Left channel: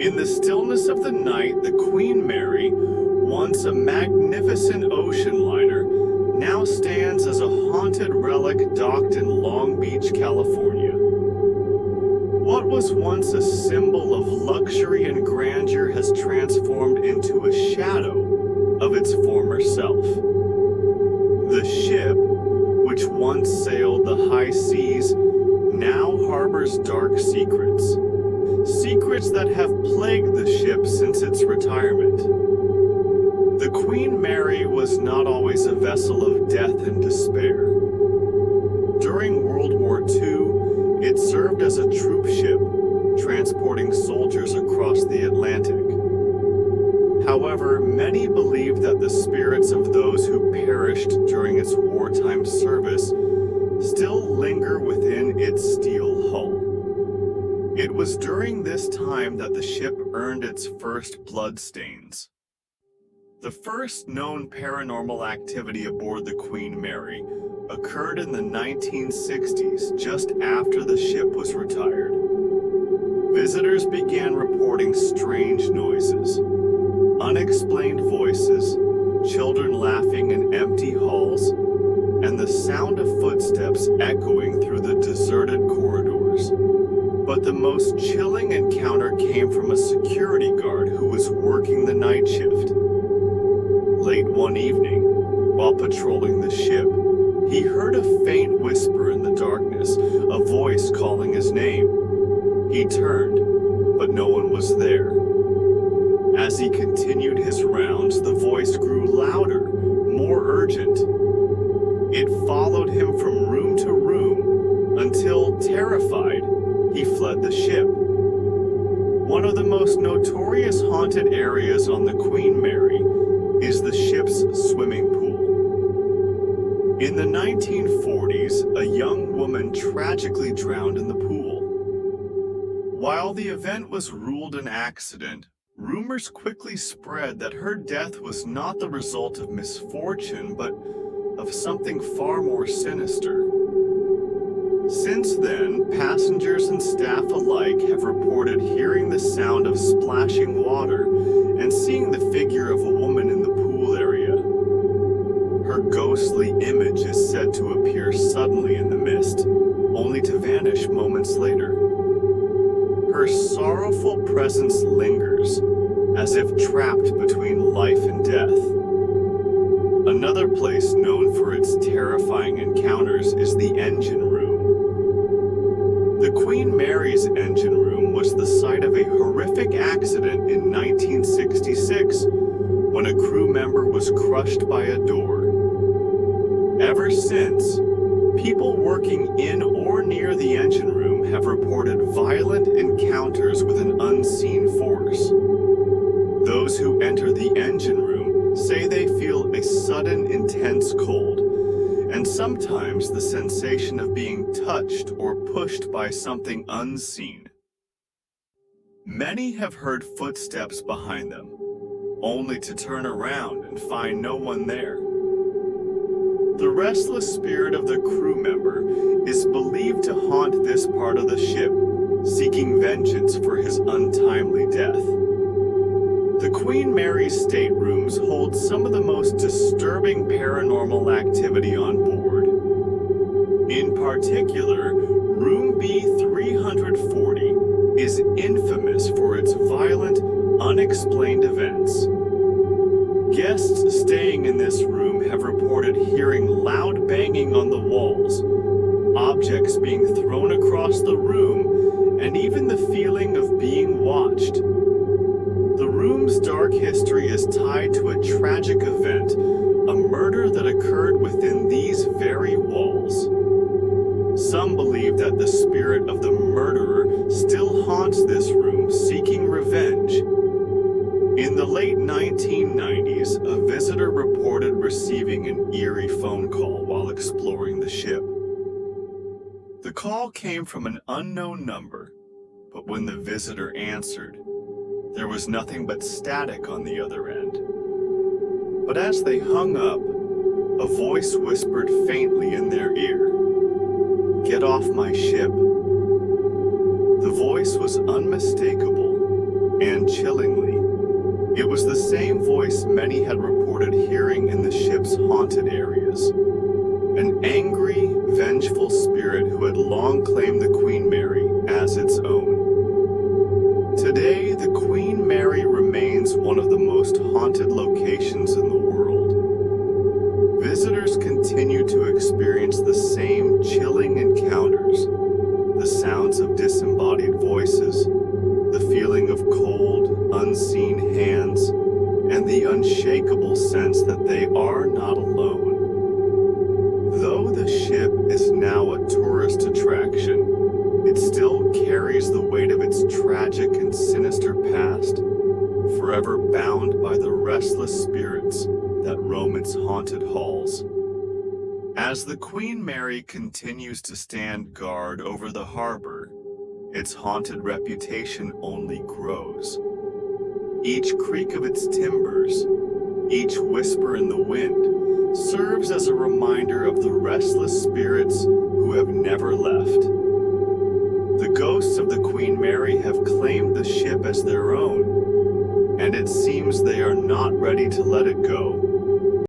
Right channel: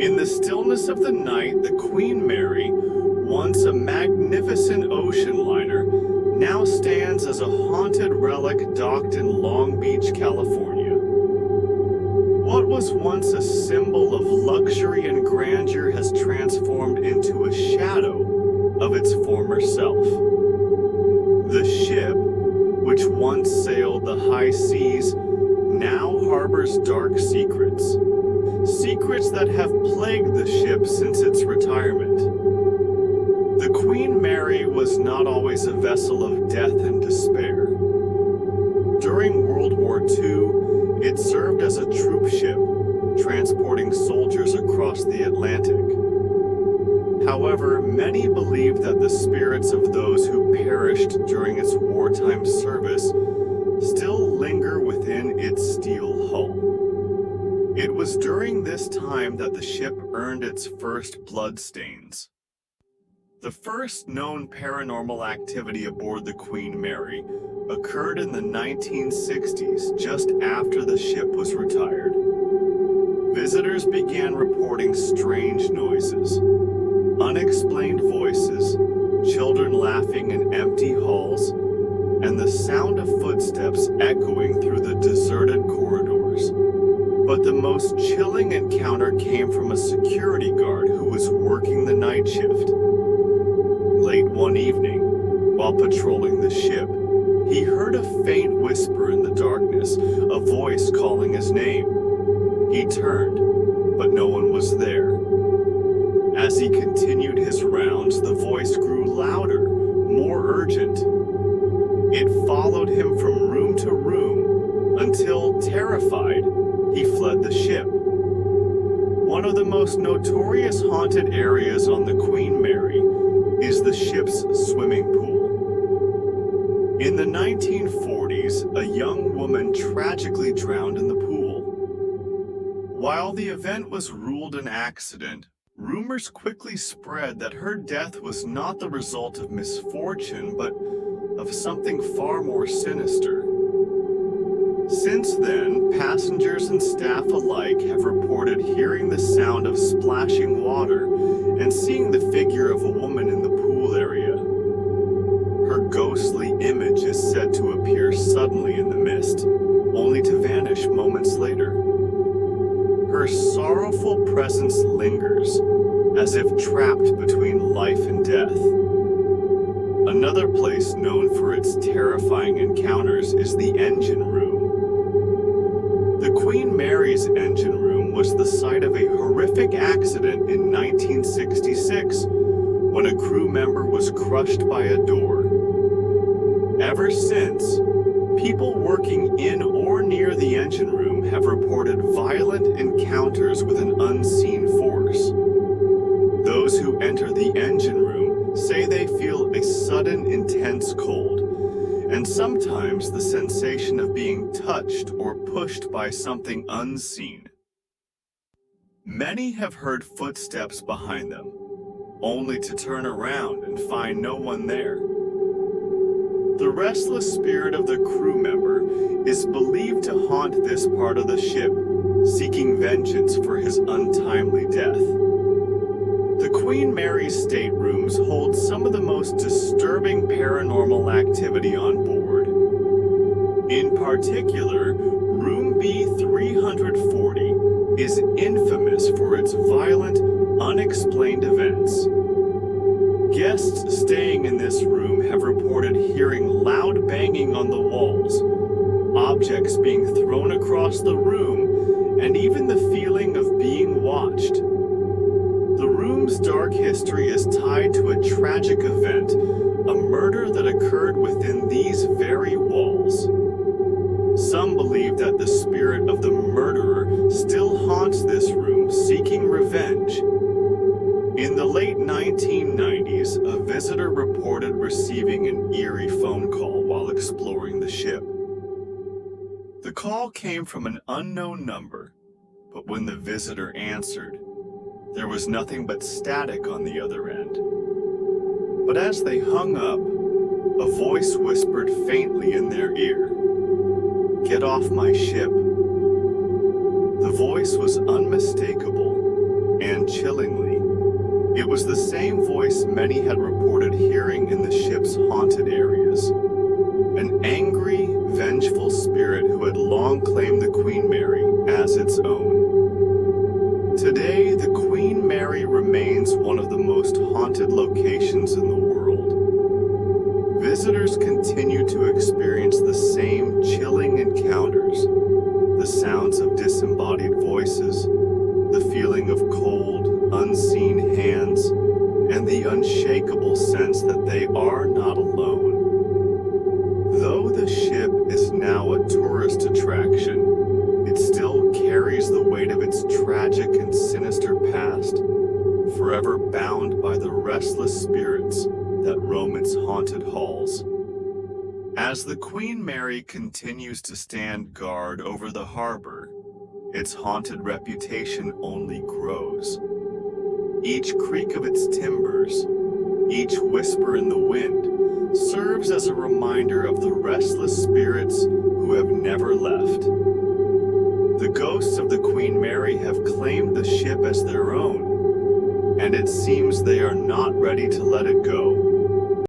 In the stillness of the night, the Queen Mary, once a magnificent ocean liner, now stands as a haunted relic docked in Long Beach, California. What was once a symbol of luxury and grandeur has transformed into a shadow of its former self. The ship, which once sailed the high seas, now harbors dark secrets. Secrets that have plagued the ship since its retirement. The Queen Mary was not always a vessel of death and despair. During World War II, it served as a troop ship, transporting soldiers across the Atlantic. However, many believe that the spirits of those who perished during its wartime service still linger within its steel hull. It was during this time that the ship earned its first bloodstains. The first known paranormal activity aboard the Queen Mary occurred in the 1960s, just after the ship was retired. Visitors began reporting strange noises, unexplained voices, children laughing in empty halls, and the sound of footsteps echoing through the deserted corridors. But the most chilling encounter came from a security guard who was working the night shift. Late one evening, while patrolling the ship, he heard a faint whisper in the darkness, a voice calling his name. He turned, but no one was there. As he continued his rounds, the voice grew louder, more urgent. It followed him from room to room until, terrified, he fled the ship. One of the most notorious haunted areas on the Queen Mary is the ship's swimming pool. In the 1940s, a young woman tragically drowned in the pool. While the event was ruled an accident, rumors quickly spread that her death was not the result of misfortune, but of something far more sinister. Since then, passengers and staff alike have reported hearing the sound of splashing water and seeing the figure of a woman in the pool area. Her ghostly image is said to appear suddenly in the mist, only to vanish moments later. Her sorrowful presence lingers, as if trapped between life and death. Another place known for its terrifying encounters is the engine room. The Queen Mary's engine room was the site of a horrific accident in 1966 when a crew member was crushed by a door. Ever since, people working in or near the engine room have reported violent encounters with an unseen force. Those who enter the engine room say they feel a sudden intense cold, and sometimes the sensation of being touched or pushed by something unseen. Many have heard footsteps behind them, only to turn around and find no one there. The restless spirit of the crew member is believed to haunt this part of the ship, seeking vengeance for his untimely death. The Queen Mary's staterooms hold some of the most disturbing paranormal activity on board. In particular, Room B340 is infamous for its violent, unexplained events. Guests staying in this room have reported hearing loud banging on the walls, objects being thrown across the room, and even the feeling of being watched. The room's dark history is tied to a tragic event, a murder that occurred within these very walls. Some believe that the spirit of the murderer still haunts this room, seeking revenge. In the late 1990s, a visitor reported receiving an eerie phone call while exploring the ship. The call came from an unknown number, but when the visitor answered, there was nothing but static on the other end. But as they hung up, a voice whispered faintly in their ear, "Get off my ship." The voice was unmistakable, And chillingly, it was the same voice many had reported hearing in the ship's haunted areas. An angry, vengeful spirit who had long claimed the Queen Mary as its own. Today, the Queen Mary remains one of the most haunted locations in the world. Visitors continue to experience the same chilling encounters, the sounds of disembodied voices, the feeling of cold, unseen hands, and the unshakable sense that they are not alone. Though the ship is now a tourist attraction, it still carries the weight of its tragic and sinister past, forever bound by the restless spirits that roam its haunted halls. As the Queen Mary continues to stand guard over the harbor, its haunted reputation only grows. Each creak of its timbers, each whisper in the wind, serves as a reminder of the restless spirits who have never left. The ghosts of the Queen Mary have claimed the ship as their own, and it seems they are not ready to let it go.